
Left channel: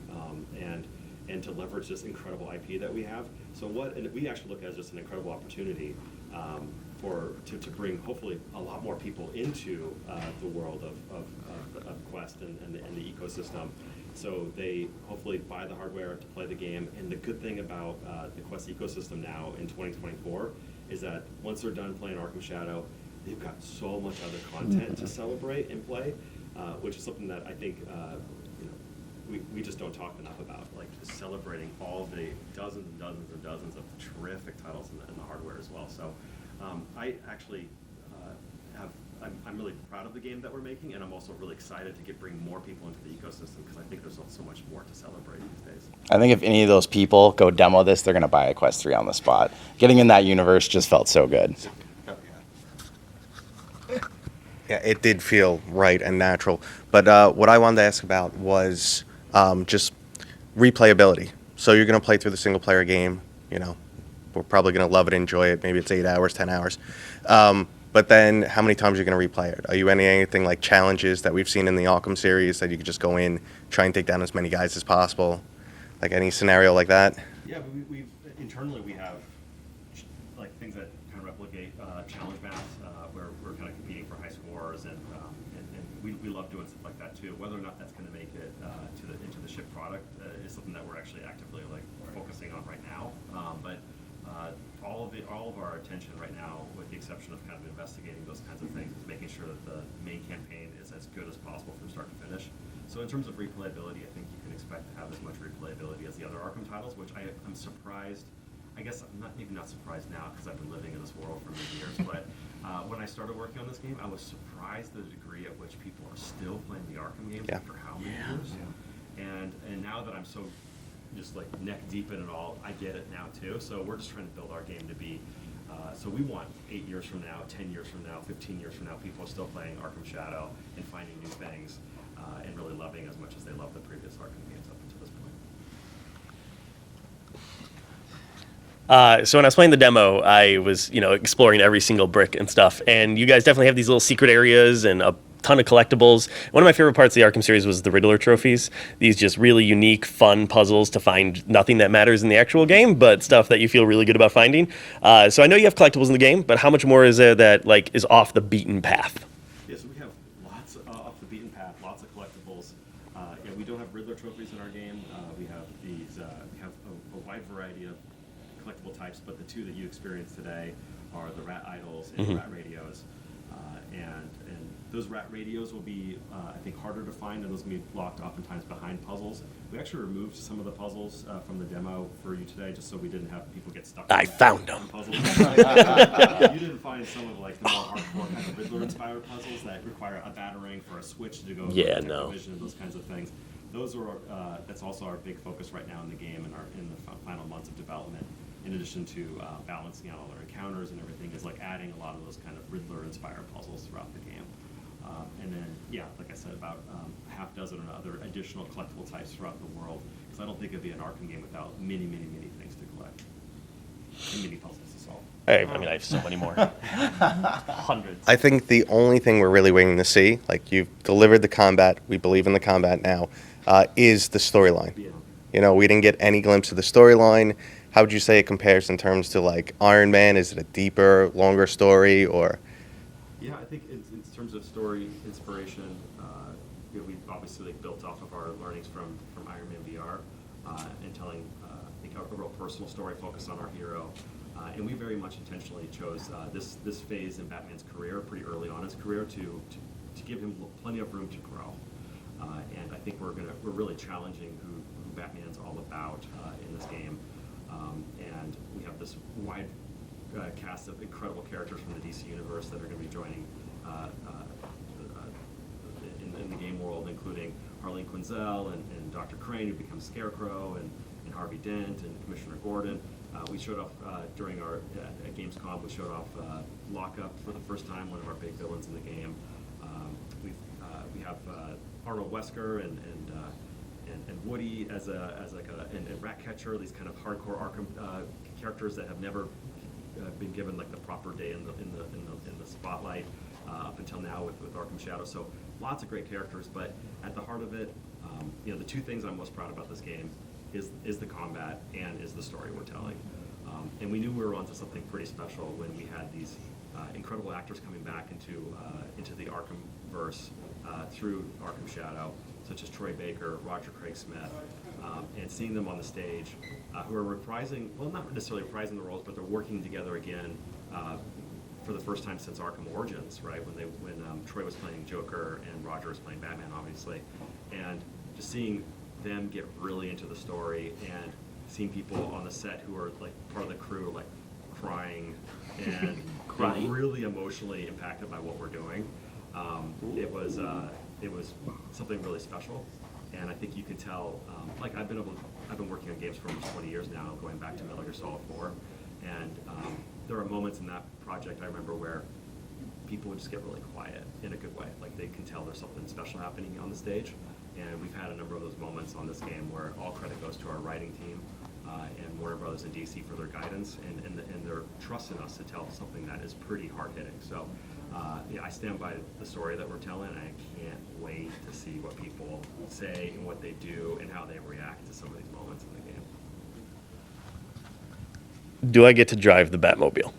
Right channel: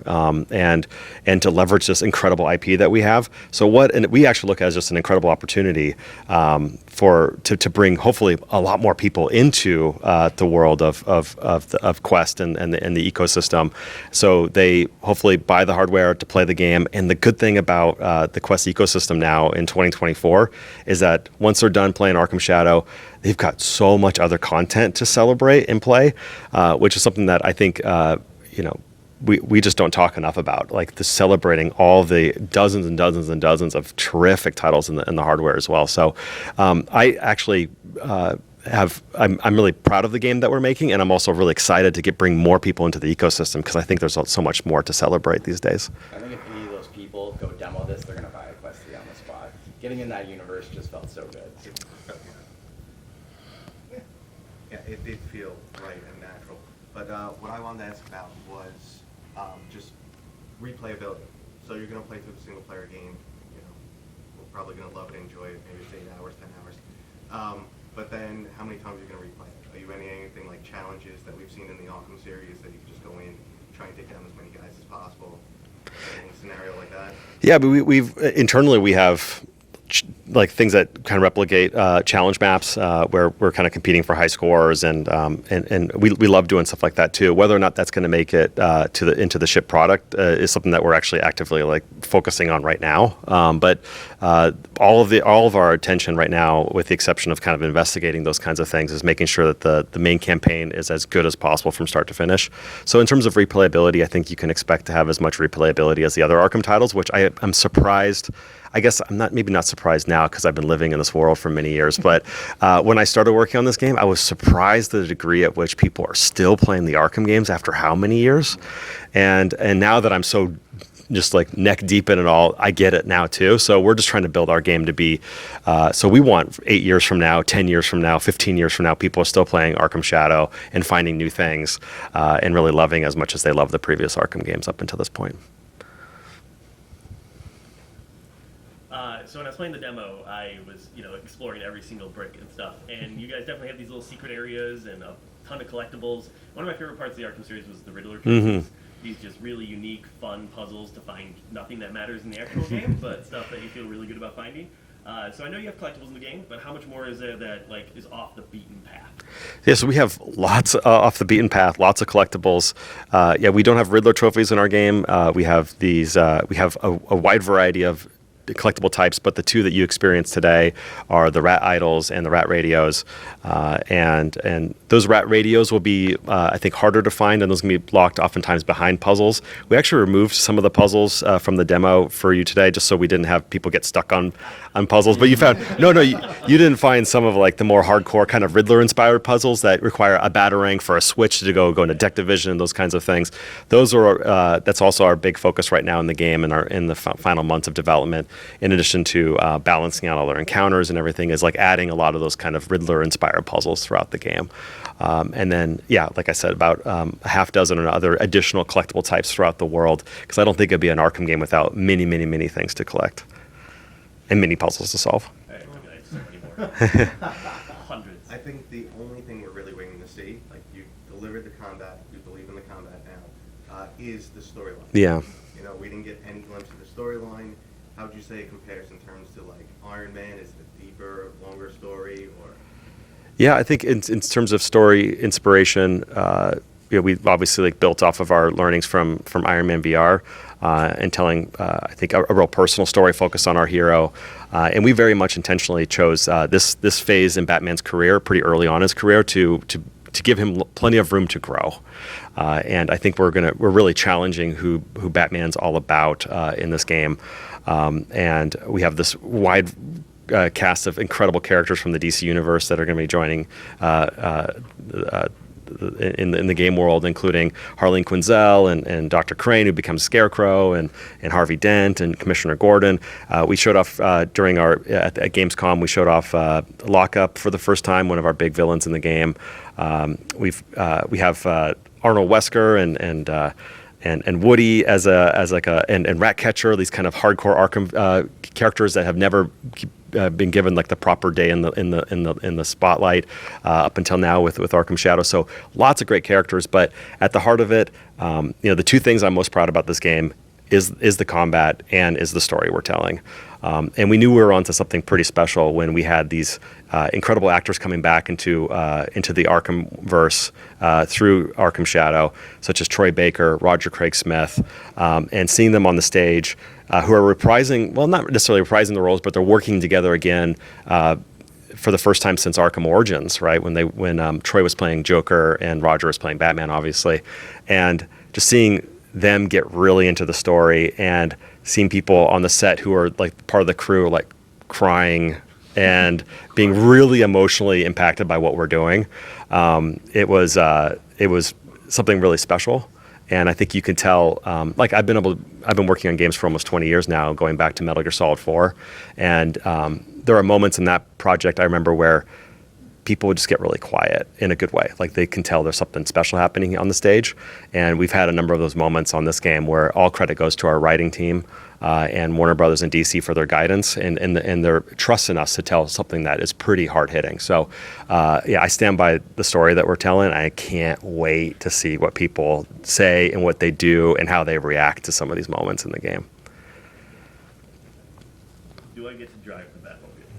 and to leverage this incredible IP that we have. And we actually look at it as just an incredible opportunity to bring hopefully a lot more people into the world of Quest and the ecosystem, so they hopefully buy the hardware to play the game. And the good thing about the Quest ecosystem now in 2024 is that once they're done playing Arkham Shadow, they've got so much other content to celebrate and play, which is something that I think we just don't talk enough about, like the celebrating all the dozens and dozens and dozens of terrific titles in the hardware as well. So I actually I'm really proud of the game that we're making, and I'm also really excited to bring more people into the ecosystem, because I think there's so much more to celebrate these days. I think if any of those people go demo this, they're going to buy a Quest 3 on the spot. Getting in that universe just felt so good. Yeah, it did feel right and natural. But what I wanted to ask about was just replayability. So you're going to play through the single-player game. We're probably going to love it, enjoy it. Maybe it's 8 hours, 10 hours. But then how many times are you going to replay it? Are you anything like challenges that we've seen in the Arkham series that you could just go in, try and take down as many guys as possible? Like any scenario like that? Yeah, but we've internally we have like things that kind of replicate challenge maps where we're kind of competing for high scores, and we love doing stuff like that too. Whether or not that's going to make it into the ship product is something that we're actually actively like focusing on right now. But all of our attention right now, with the exception of kind of investigating those kinds of things, is making sure that the main campaign is as good as possible from start to finish. So in terms of replayability, I think you can expect to have as much replayability as the other Arkham titles, which I'm surprised. I guess I'm maybe not surprised now because I've been living in this world for many years. But when I started working on this game, I was surprised at the degree at which people are still playing the Arkham games after how many years. And now that I'm so just like neck deep in it all, I get it now too. So we're just trying to build our game to be, so we want 8 years from now, 10 years from now, 15 years from now, people are still playing Arkham Shadow and finding new things and really loving as much as they love the previous Arkham games up until this point. So when I was playing the demo, I was, exploring every single brick and stuff. And you guys definitely have these little secret areas and a ton of collectibles. One of my favorite parts of the Arkham series was the Riddler trophies. These just really unique, fun puzzles to find nothing that matters in the actual game, but stuff that you feel really good about finding. So I know you have collectibles in the game, but how much more is there that is off the beaten path? Yeah, so we have lots off the beaten path, lots of collectibles. We don't have Riddler trophies in our game. We have these. We have a wide variety of collectible types, but the two that you experience today are the rat idols and the rat radios, and those rat radios will be I think harder to find, and those can be locked oftentimes behind puzzles. We actually removed some of the puzzles from the demo for you today, just so we didn't have people get stuck on puzzles. But you found you didn't find some of like the more hardcore kind of Riddler inspired puzzles that require a batarang for a switch to go into detective vision and those kinds of things. Those are that's also our big focus right now in the game and in the final months of development. In addition to balancing out all their encounters and everything, is like adding a lot of those kind of Riddler-inspired puzzles throughout the game. And then, like I said, about a half dozen or other additional collectible types throughout the world, because I don't think it'd be an Arkham game without many, many, many things to collect and many puzzles to solve. I have so many more. Hundreds. I think the only thing we're really waiting to see, like you've delivered the combat, we believe in the combat now, is the storyline. Yeah. We didn't get any glimpse of the storyline. How would you say it compares in terms to like Iron Man? Is it a deeper, longer story, or? Yeah, I think in terms of story inspiration, we obviously built off of our learnings from Iron Man VR and telling, I think, a real personal story focused on our hero. And we very much intentionally chose this phase in Batman's career, pretty early on in his career, to give him plenty of room to grow. And I think we're really challenging who Batman's all about in this game. And we have this wide cast of incredible characters from the DC universe that are going to be joining in the game world, including Harleen Quinzel and Dr. Crane, who becomes Scarecrow, and Harvey Dent and Commissioner Gordon. We showed off during at Gamescom. We showed off Lockup for the first time, one of our big villains in the game. We have Arnold Wesker and Woody as and Ratcatcher, these kind of hardcore Arkham characters that have never been given like the proper day in the spotlight up until now with Arkham Shadow. So lots of great characters, but at the heart of it, the two things I'm most proud about this game is the combat and is the story we're telling. And we knew we were onto something pretty special when we had these incredible actors coming back into the Arkham verse through Arkham Shadow, such as Troy Baker, Roger Craig Smith, and seeing them on the stage who are reprising, well, not necessarily reprising the roles, but they're working together again for the first time since Arkham Origins, right? When Troy was playing Joker and Roger was playing Batman, obviously, and just seeing them get really into the story and seeing people on the set who are like part of the crew like crying and being really emotionally impacted by what we're doing. It was something really special, and I think you can tell. I've been working on games for almost 20 years now, going back to Metal Gear Solid 4, and there are moments in that project I remember where people would just get really quiet in a good way. Like they can tell there's something special happening on the stage, and we've had a number of those moments on this game where all credit goes to our writing team. And Warner Brothers and DC for their guidance and their trust in us to tell something that is pretty hard-hitting. So, I stand by the story that we're telling. I can't wait to see what people say and what they do and how they react to some of these moments in the game. Do I get to drive the Batmobile?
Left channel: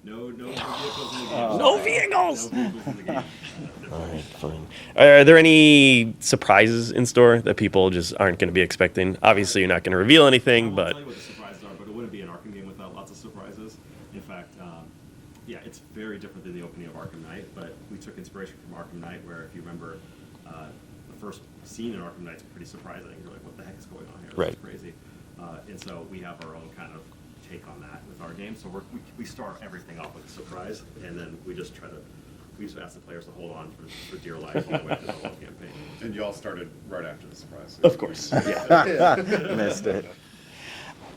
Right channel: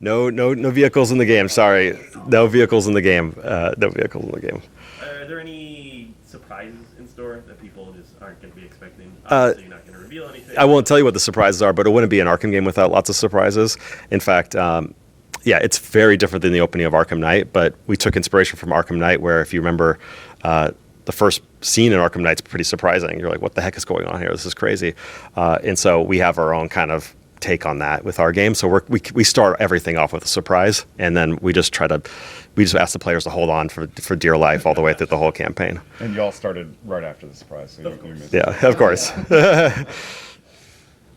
No vehicles in the game. Sorry, no vehicles in the game. No vehicles in the game. Are there any surprises in store that people just aren't going to be expecting? Obviously, you're not going to reveal anything. I won't tell you what the surprises are, but it wouldn't be an Arkham game without lots of surprises. In fact, yeah, it's very different than the opening of Arkham Knight, but we took inspiration from Arkham Knight, where if you remember, the first scene in Arkham Knight's pretty surprising. You're like, what the heck is going on here? This is crazy. And so we have our own kind of take on that with our game. So we start everything off with a surprise, and then we just ask the players to hold on for dear life all the way through the whole campaign. And you all started right after the surprise. So Of course. Yeah, of course.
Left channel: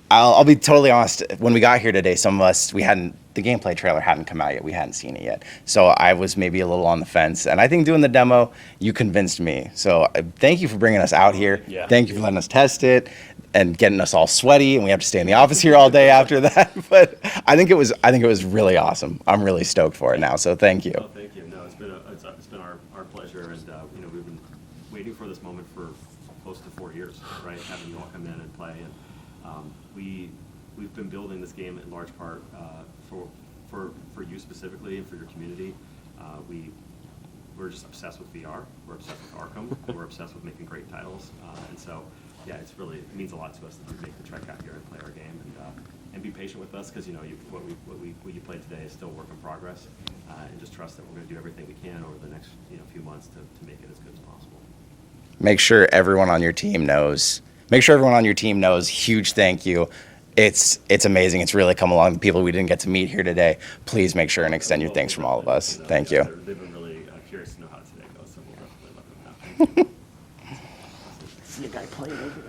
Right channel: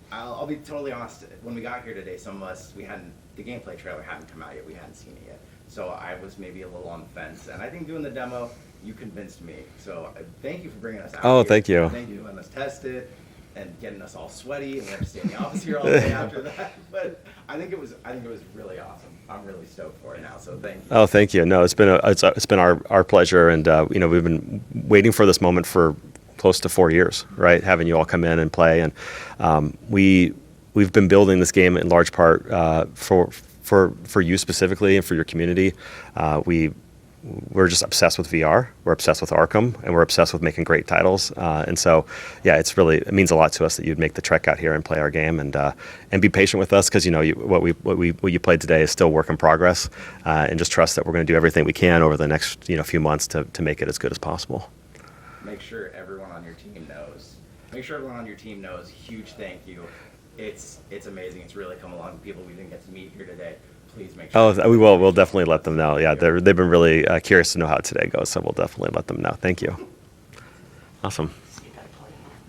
I'll be totally honest. When we got here today, some of us, the gameplay trailer hadn't come out yet. We hadn't seen it yet. So I was maybe a little on the fence. And I think doing the demo, you convinced me. So thank you for bringing us out here. Thank you. Thank you for letting us test it and getting us all sweaty. And we have to stay in the office here all day after that. But I think it was really awesome. I'm really stoked for it now. So thank you. Oh, thank you. No, it's been our pleasure, and we've been waiting for this moment for close to 4 years, right? Having you all come in and play, and we've been building this game in large part for you specifically and for your community. We're just obsessed with VR. We're obsessed with Arkham, and we're obsessed with making great titles. And so, yeah, it means a lot to us that you'd make the trek out here and play our game, and be patient with us, because what you played today is still work in progress. And just trust that we're going to do everything we can over the next few months to make it as good as possible. Make sure everyone on your team knows. Huge thank you. It's amazing. It's really come along. The people we didn't get to meet here today, please make sure. We will. We'll definitely let them know. Yeah, they've been really curious to know how today goes, so we'll definitely let them know. Thank you. Awesome. See a guy playing over there.